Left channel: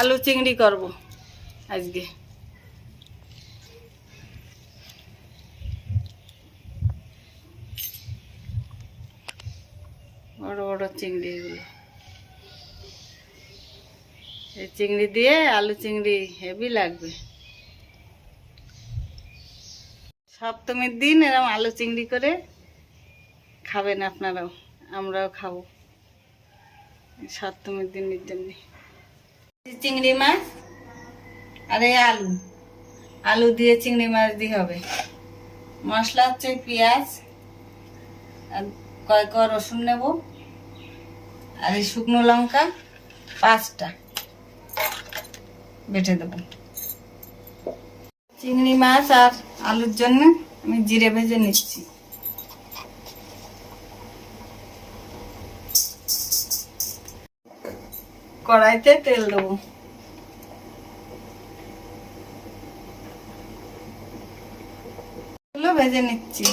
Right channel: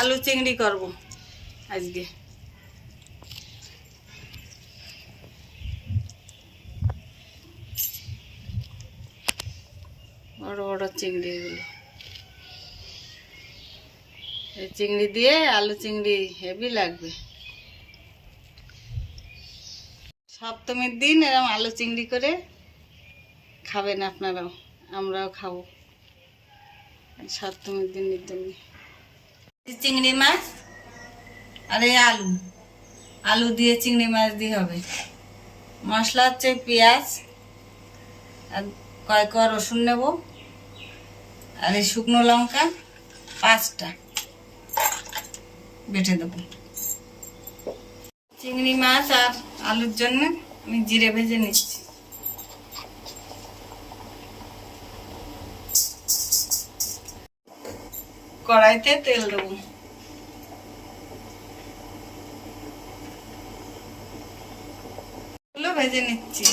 আলু চিংড়ি করব আজকে। বড় বড় চিংড়ি এগুলো, এই চিংড়ি দিয়ে আলু চিংড়ি হেভি লাগবে। সপ্তমীর দিন এরকম আলু চিংড়ি করে খাবেন আপনারাও, আমরাও খাবো সপ্তমীর দিনের জন্য। চিংড়ি মাছ আর এই আলু, আলু দিয়ে চিংড়ি মাছ দিয়ে হবে। মশলা হচ্ছে পেঁয়াজ আর কয়েক রসুন নেব, আর এই শুকনো লঙ্কা 5টা বেটে দেব। চিংড়ি মাছ আর আলুর জন্য আমি জিরে ভেজে নিচ্ছি। কড়াইতে তেল দেবো, এগুলো ভেজে নিচ্ছি।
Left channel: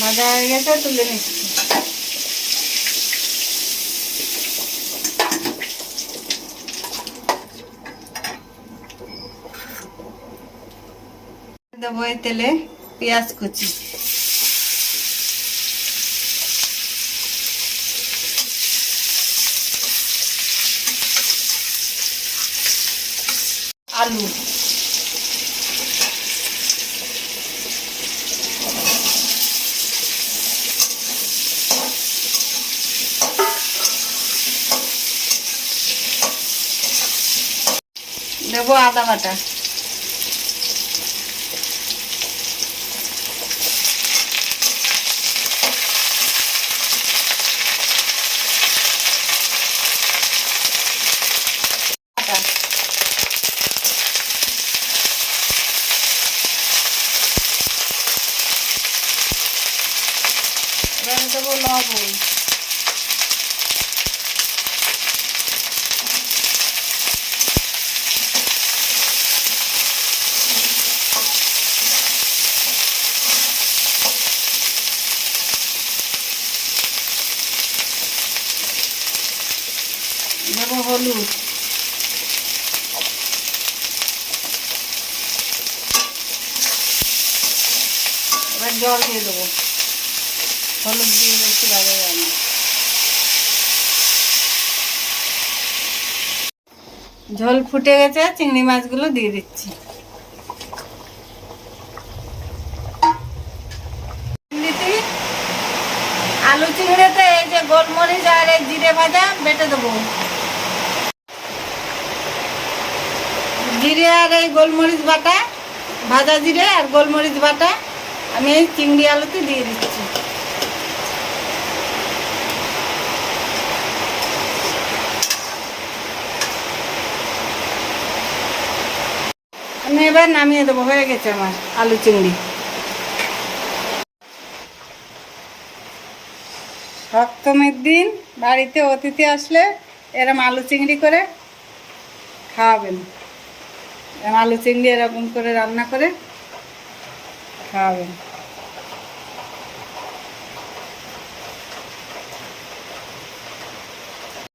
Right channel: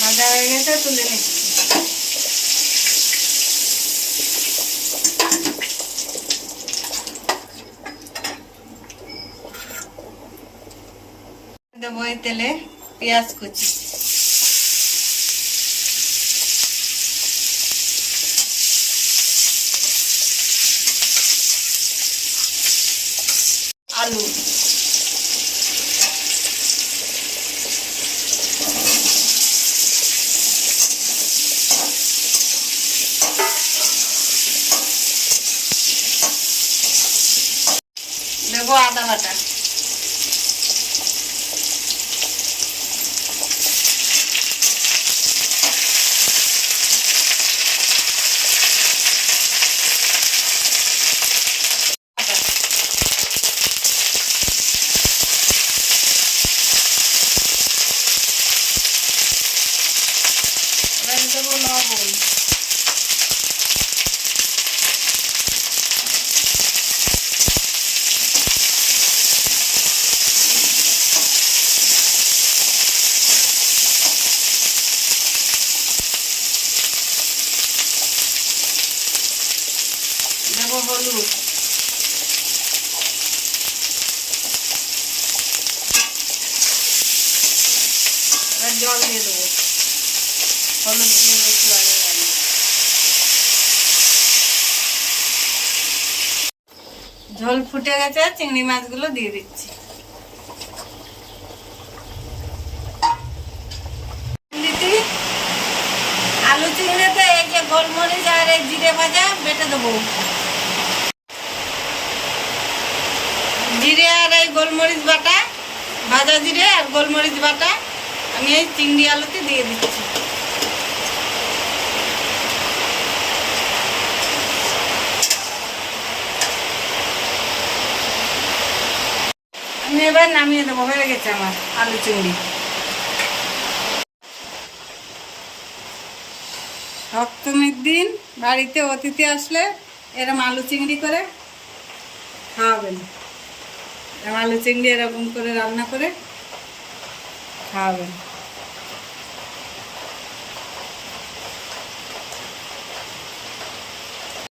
ভাজা হয়ে গেছে, তুলে নিচ্ছি। দেবো এই তেলে পেঁয়াজ কুচি, আলু, দেবো আদা বাটা, এবারে দেবো লবণ, দেবো হলুদ, এবার জল দিয়ে দেবো। হলুদ দিয়ে বেশি ভাজা যায় না। ঝোল ফুটে গেছে, চিংড়ি মাছগুলো দিয়ে দিচ্ছি। আলু চিংড়িতে এই যে গোলমরিচ আর এই জিরে ভাজা বেটে দেবো। জিরে আর এই গোলমরিচ বাটা, ভাজা জিরে আর গোলমরিচ বাটা আমি এই চিংড়ি আলুতে দিয়ে দিচ্ছি। আমি এবার নামিয়ে দেবো, হয়ে গেছে আমার আলু চিংড়ি। সপ্তমীর দিন বাড়িতে অতিথি আসলে এরকম আলু চিংড়ি করে খাওয়াবেন। আলু চিংড়ি এরকম করে রান্না করে খাওয়াবেন।